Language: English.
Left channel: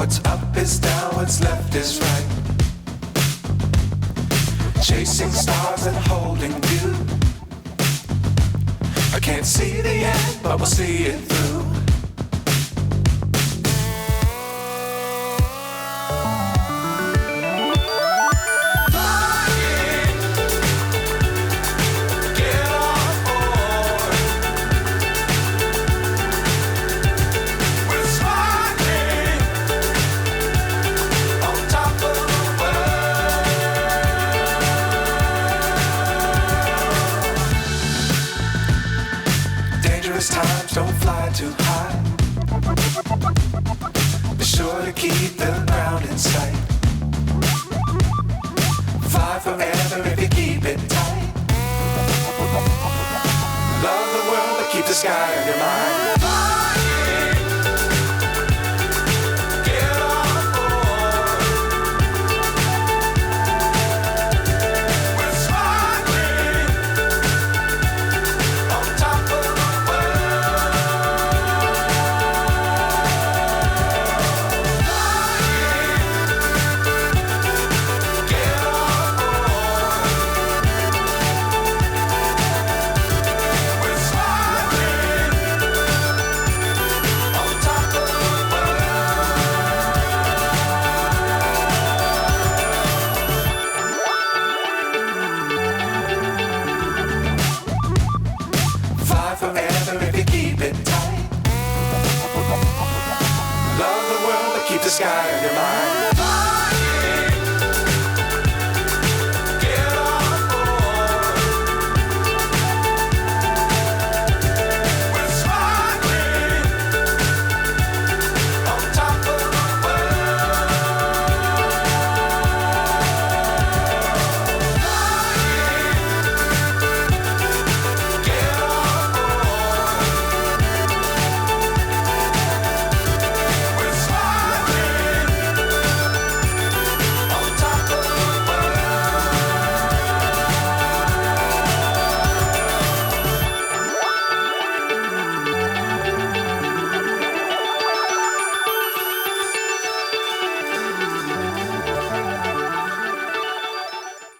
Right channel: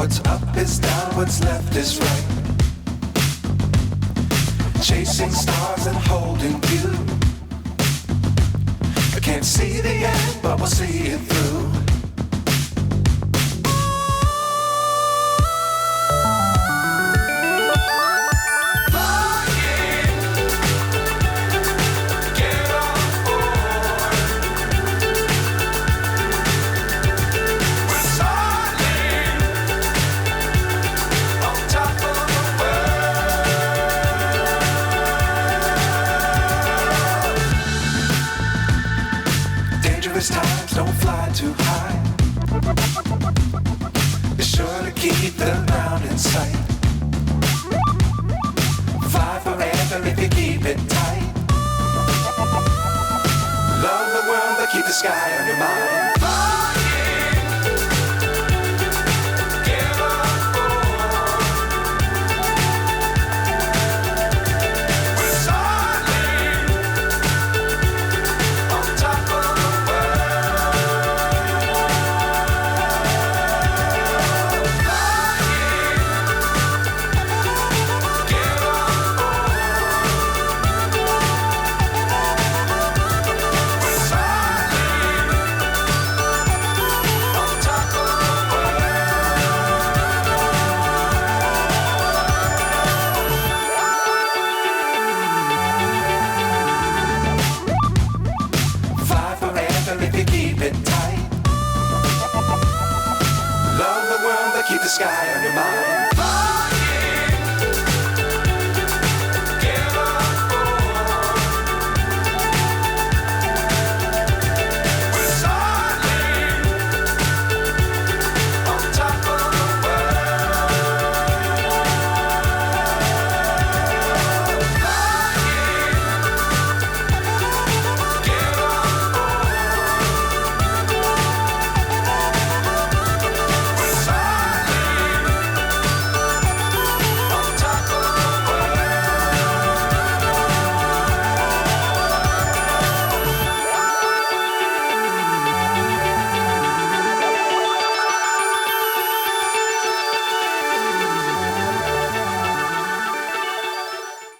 What's up is down, what's left is right. Chasing stars and holding you. I can't see the end, but we'll see it through. Times don't fly too high. Be sure to keep the ground in sight. Fly forever if you keep it tight. Love the world but keep the sky on your mind. Keep the sky on your mind.